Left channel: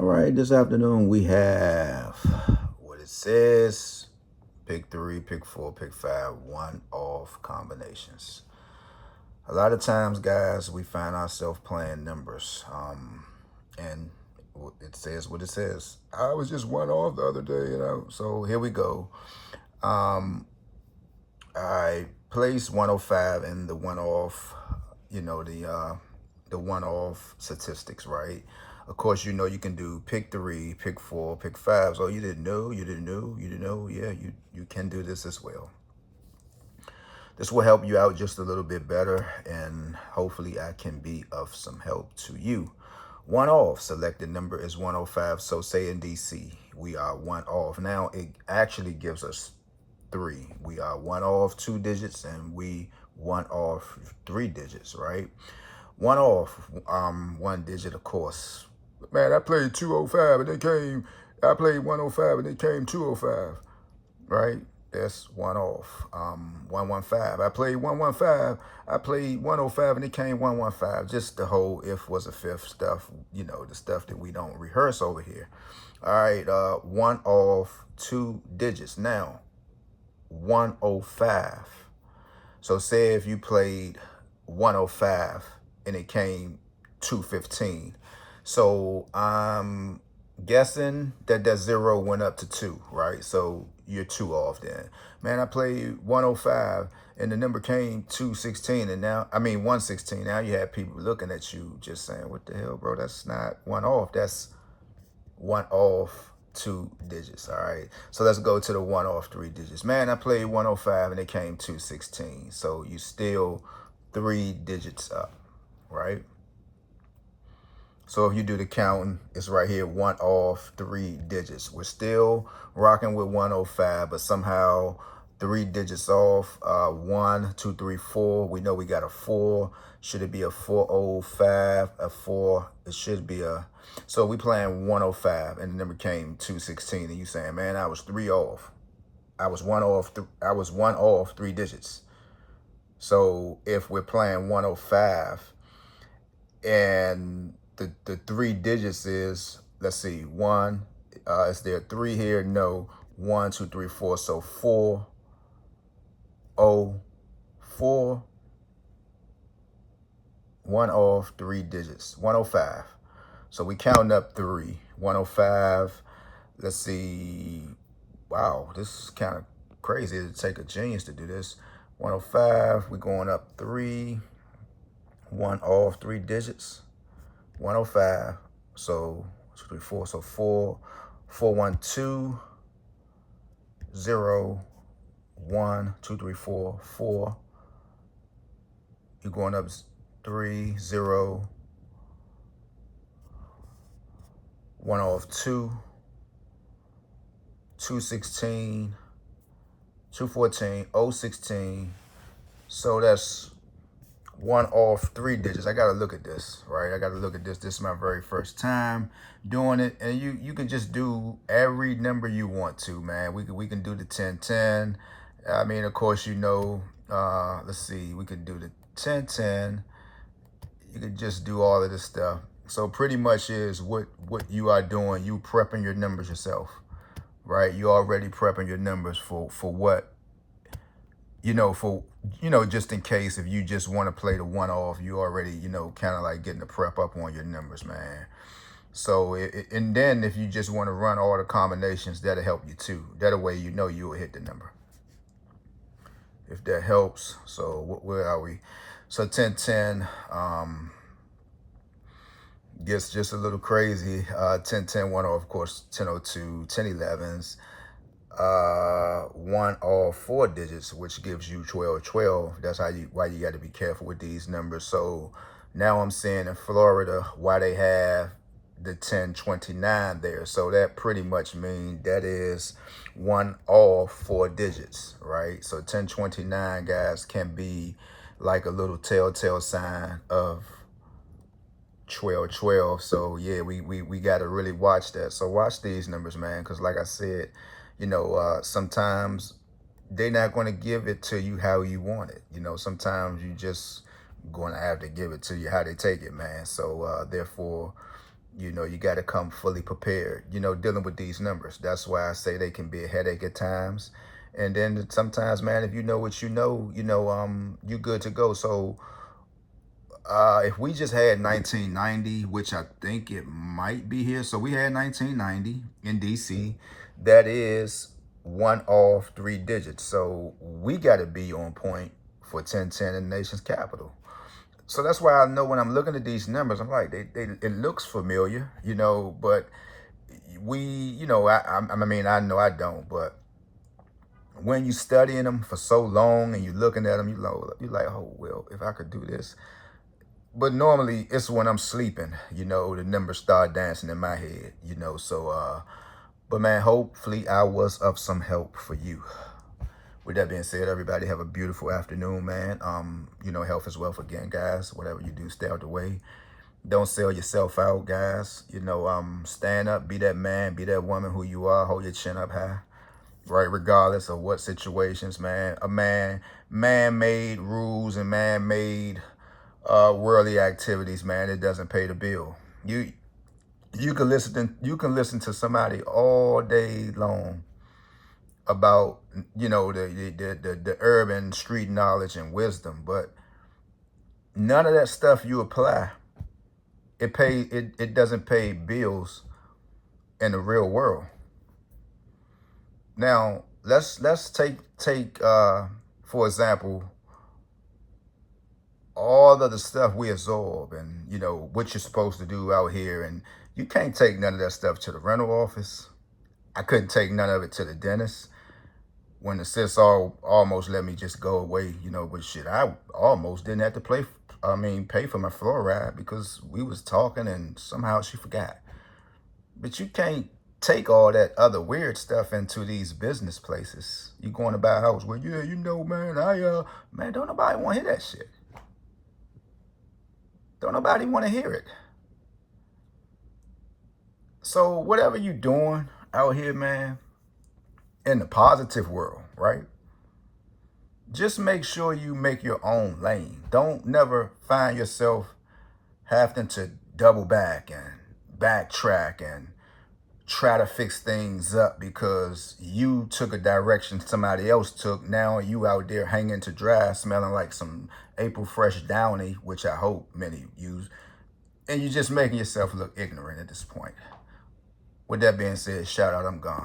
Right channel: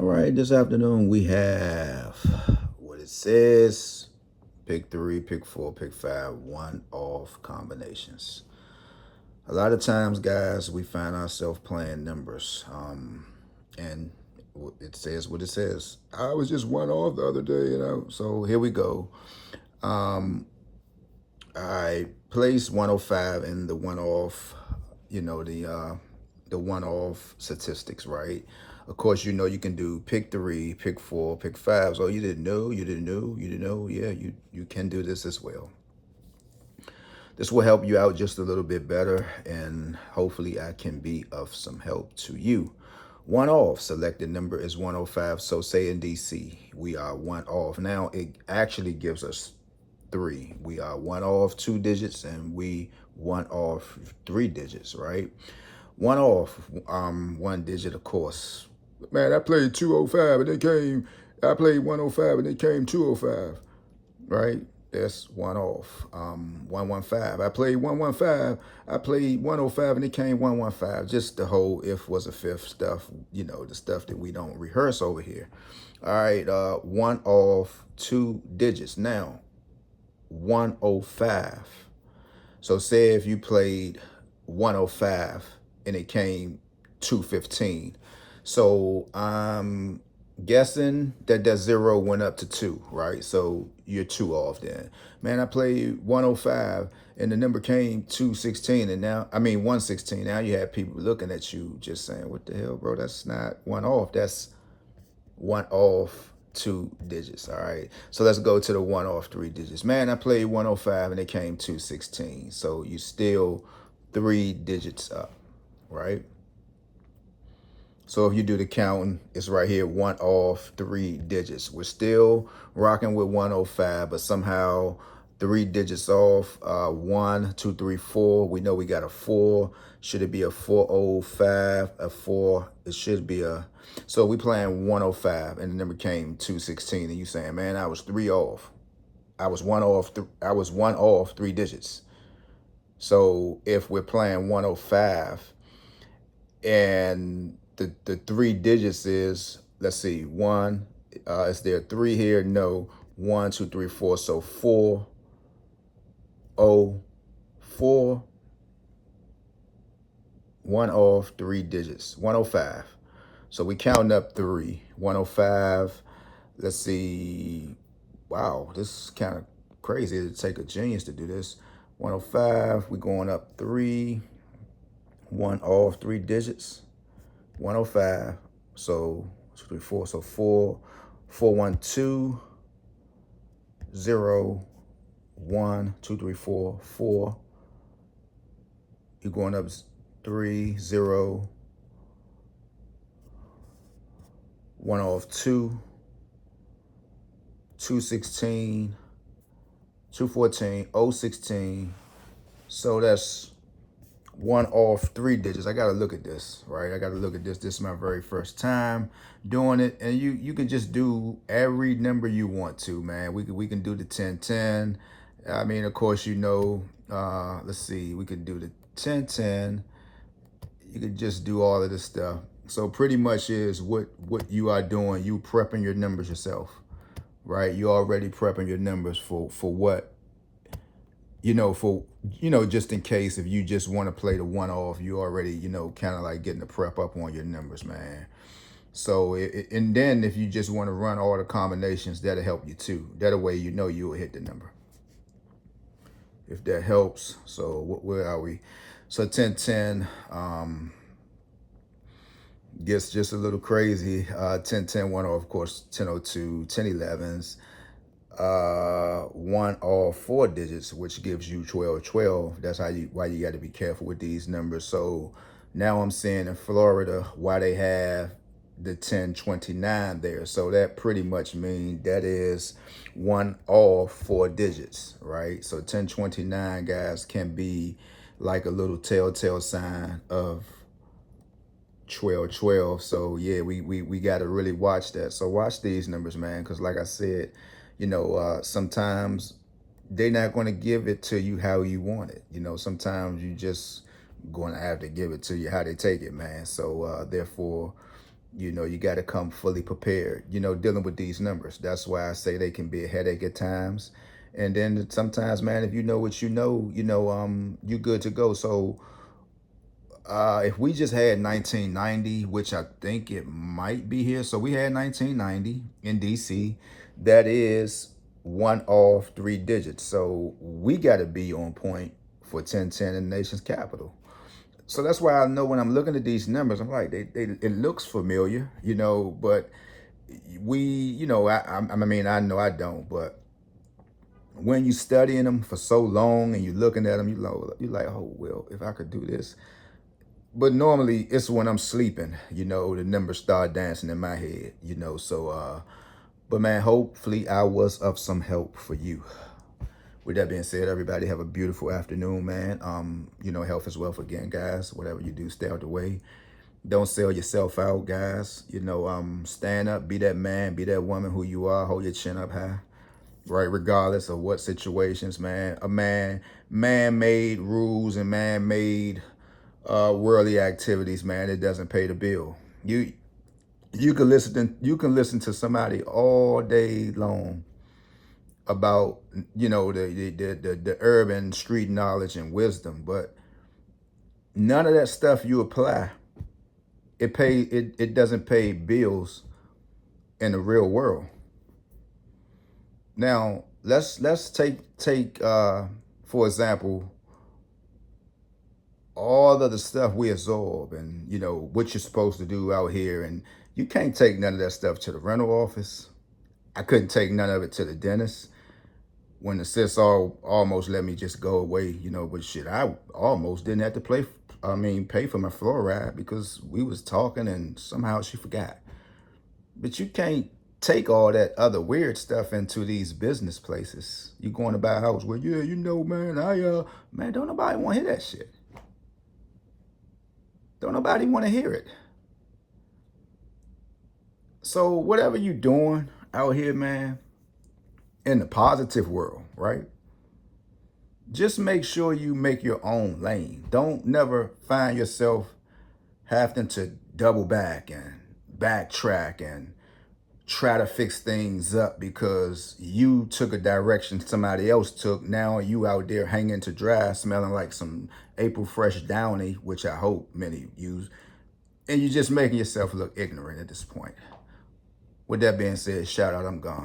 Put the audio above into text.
All right, this afternoon we have what it says, pick 3, pick 4, pick 5, one-off combinations. A lot of times, guys, we find ourselves playing numbers, and it says what it says. I was just one off the other day, so here we go. I placed 105 in the one-off, the one-off statistics, right? Of course, you can do pick 3, pick 4, pick 5. So you didn't know, you didn't know, you didn't know. Yeah, you can do this as well. This will help you out just a little bit better, and hopefully I can be of some help to you. One off, selected number is 105. So say in DC, we are one off. Now it actually gives us 3. We are one off 2 digits, and we one off 3 digits, right? One off 1 digit, of course. Man, I played 205 and I played 105 and it came 205, right? That's one off. 115. I played 115. I played 105 and it came 115. Just the whole if was a fifth stuff, the stuff that we don't rehearse over here. All right, one off 2 digits. Now, 105. So say if you played 105 and it came 215. So I'm guessing that 0 went up to 2, right? So you're 2 off then. Man, I played 105 and the number came 216 and 116. Now you have people looking at you just saying, what the hell, bro? That's not one off. That's one off 2 digits. All right, so let's go to the one off 3 digits. Man, I played 105 and it came 216. So you still 3 digits up, right? So if you do the counting, it's right here, one off 3 digits. We're still rocking with 105, but somehow 3 digits off. 1, 2, 3, 4. We know we got a 4. Should it be a 405? A 4? It should be a. So we playing 105, and the number came 216, and you saying, man, I was 3 off. I was one off. I was one off 3 digits. So if we're playing 105, and the 3 digits is, let's see, 1. Is there 3 here? No. 1, 2, 3, 4. So 4, 0, 4. 1 off 3 digits. 105. So we counting up 3. 105. Let's see. Wow, this is kind of crazy. It'd take a genius to do this. 105. We're going up 3. 1 off 3 digits. 105. So 2, 3, 4. So 4, 4, 1, 2, 0, 1, 2, 3, 4, 4. You're going up 3, 0, 1 off 2, 216, 214, 016. So that's 1 off 3 digits. I gotta look at this, right? I gotta look at this. This is my very first time doing it, and you can just do every number you want to, man. We can do the 1010. I mean, of course, let's see, we could do the 1010. You could just do all of this stuff. So pretty much is what you are doing. You prepping your numbers yourself, right? You already prepping your numbers for what, just in case if you just want to play the one off, you already, kind of like getting the prep up on your numbers, man. So, and then if you just want to run all the combinations, that'll help you too. That way, you will hit the number. If that helps. So where are we? So 1010 gets just a little crazy. 1010, 1 off, of course, 1002, 1011s. 1 off 4 digits, which gives you 1212. That's why you got to be careful with these numbers. So now I'm seeing in Florida why they have the 1029 there. So that pretty much means that is 1 off 4 digits, right? So 1029, guys, can be like a little telltale sign of 1212. So yeah, we got to really watch that. So watch these numbers, man, because like I said, sometimes they're not going to give it to you how you want it. Sometimes you just going to have to give it to you how they take it, man. So therefore, You know, you got to come fully prepared, you know, dealing with these numbers. That's why I say they can be a headache at times. And then sometimes, man, if you know what you know, you good to go. So if we just had 1990, which I think it might be here. So we had 1990 in DC. That is one off 3 digits. So we got to be on point for 1010 in the nation's capital. So that's why I know when I'm looking at these numbers, I'm like, it looks familiar, you know, but you know, I mean, I know I don't, but when you studying them for so long and you looking at them, you like, oh, well, if I could do this. But normally it's when I'm sleeping, you know, the numbers start dancing in my head, you know, so, but man, hopefully I was of some help for you. With that being said, everybody have a beautiful afternoon, man. You know, health is wealth again, guys. Whatever you do, stay out the way. Don't sell yourself out, guys. You know, stand up, be that man, be that woman who you are. Hold your chin up high, right? Regardless of what situations, man. Man-made rules and man-made worldly activities, man. It doesn't pay the bill. You can listen to somebody all day long about, you know, the urban street knowledge and wisdom, but none of that stuff you apply, it doesn't pay bills in the real world. Now let's take for example all of the stuff we absorb, and you know what you're supposed to do out here, and you can't take none of that stuff to the rental office. I couldn't take none of it to the dentist. When the sis almost let me just go away, you know, but shit, I almost didn't have to pay for my fluoride because we was talking and somehow she forgot. But you can't take all that other weird stuff into these business places. You going to buy a house, well, yeah, you know, man, man, don't nobody want to hear that shit. Don't nobody want to hear it. So whatever you doing out here, man, in the positive world, right? Just make sure you make your own lane. Don't never find yourself having to double back and backtrack and try to fix things up because you took a direction somebody else took. Now you out there hanging to dry, smelling like some April Fresh Downy, which I hope many use. And you're just making yourself look ignorant at this point. With that being said, shout out, I'm gone.